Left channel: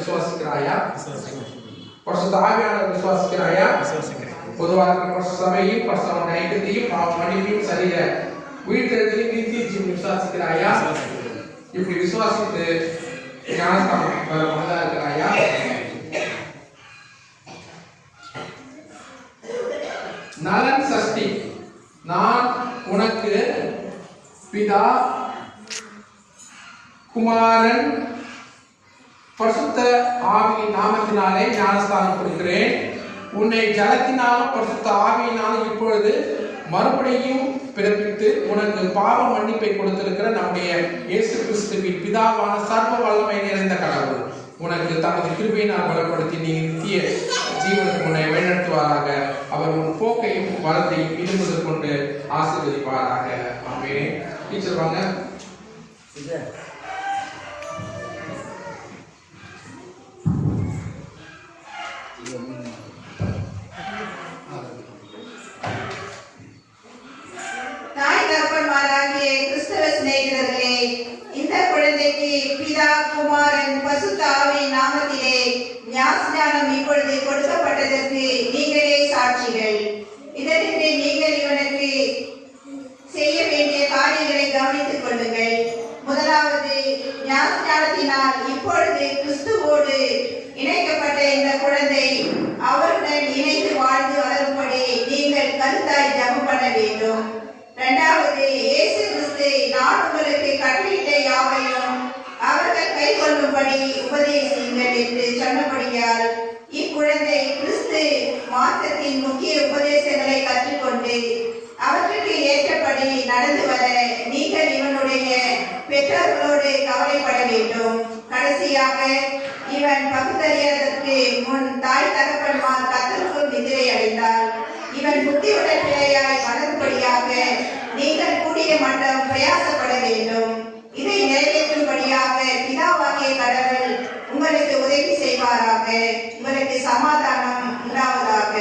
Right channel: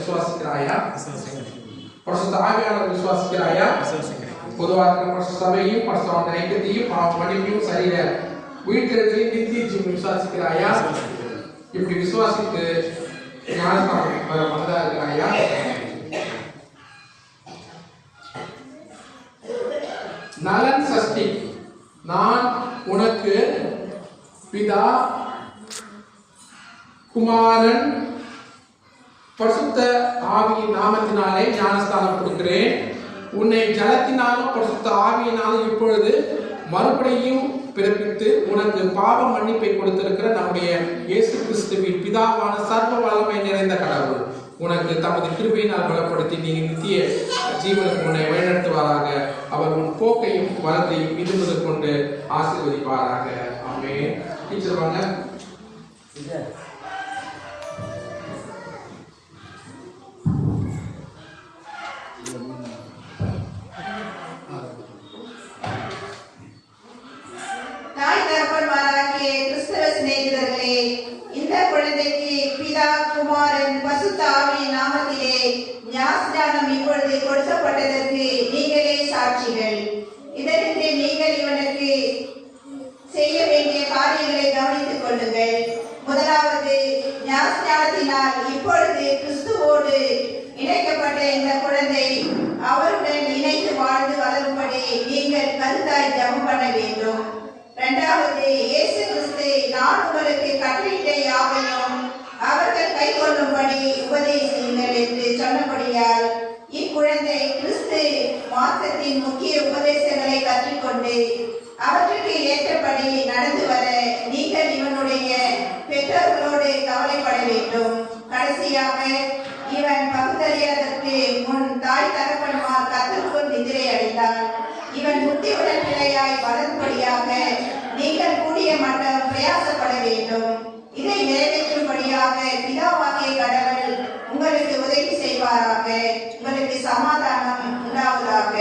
விசுவாசிக்கிறாயா? பரிசுத்த ஆவியானவர் விசுவாசிக்கிறாயா? பொதுவாக பரிசுத்த சபையும் பரிசுத்த ஐக்கியத்தையும் பாவ மன்னிப்பையும் சரீர உயிர்த்தெழுதலையும் நித்திய ஜீவனை விசுவாசிக்கிறாயா? இப்படி விசுவாசித்து ஞானஸ்தானம் வந்தா இருக்கிறாயா? நலன் சஷ்டி. நான் உனக்கு பிதா குமாரன் பரிசுத்த ஆவியின் நாமத்தினாலே ஞானஸ்தானம் கொடுக்கிறேன். உன்னை ஜலத்தினாலும் பரிசுத்த ஆவியினாலும் இப்பொழுது மறுபடியும் பிறப்பித்து உனக்கு பாவ மன்னிப்பை கொடுத்திருக்கிற நம்முடைய இயேசு கிறிஸ்துவின் பிதாவான சர்வ வல்லமை நிறைந்த கடவுள் உனக்கு தமது கிருபையினால் பலப்படுத்தி நீ நித்திய ஜீவனுக்கு உன்னை வழிநடத்துவாராக. அவர் உன் போக்கையும் வளத்தையும் விரும்புவது கொண்டு ஆசீர்வதிப்பாராக. ஆமென். டீச்சர் வாங்க. இந்த குழந்தைக்கு பிதா குமாரன் பரிசுத்த ஆவியின் நாமத்திலே ஞானஸ்நானம் இப்பொழுது கொடுக்கப்பட்டதற்கு நீங்களே சாட்சிகள். இதற்கு நீங்கள் இவனுக்கு செய்ய வேண்டிய காரியங்களை கவனித்துக் கொள்ளுங்கள். முதலாவது, ஞானஸ்நானத்தினால் இப்பொழுது கிறிஸ்துவோடு இணைக்கப்பட்ட இந்த குழந்தை அவருடன் இணைந்து வாழ்ந்து வளரும்படி நீங்கள் கருத்தாய் ஜெபம் பண்ண வேண்டும். இரண்டாவது, இயேசு கிறிஸ்து நான் உங்களுக்கு கட்டளையிட்ட யாவையும் அவர்கள் கை கொள்ளும்படி உபதேசியுங்கள் என்று சொன்னபடியால் இக்குழந்தை கிறிஸ்து மார்க்கத்தின் முக்கிய உபதேசங்களை கற்றுக்கொண்டு அவற்றுக்கு ஏற்றபடி நடந்து வர நீங்கள் இவனுடைய பெற்றோர்களோடு கவலைப்பட வேண்டும். கடைசியாக, இவன் பகுத்தறியதற்கு முன் தாய் தகப்பன்மார் கத்தருக்குள் நிதிரை அடைந்தால் இவன் புத்தியுடன் பிள்ளையாய் வளரும்படியாக நீங்கள் கூடிய மட்டும் பிரயாசப்பட வேண்டும். இதை நிறைவேற்றும்படியாக பிதாவாகிய கடவுள் உங்களுக்கு உதவி செய்வாராக. உங்களுக்கு சமாதானம் உண்டாவதாக.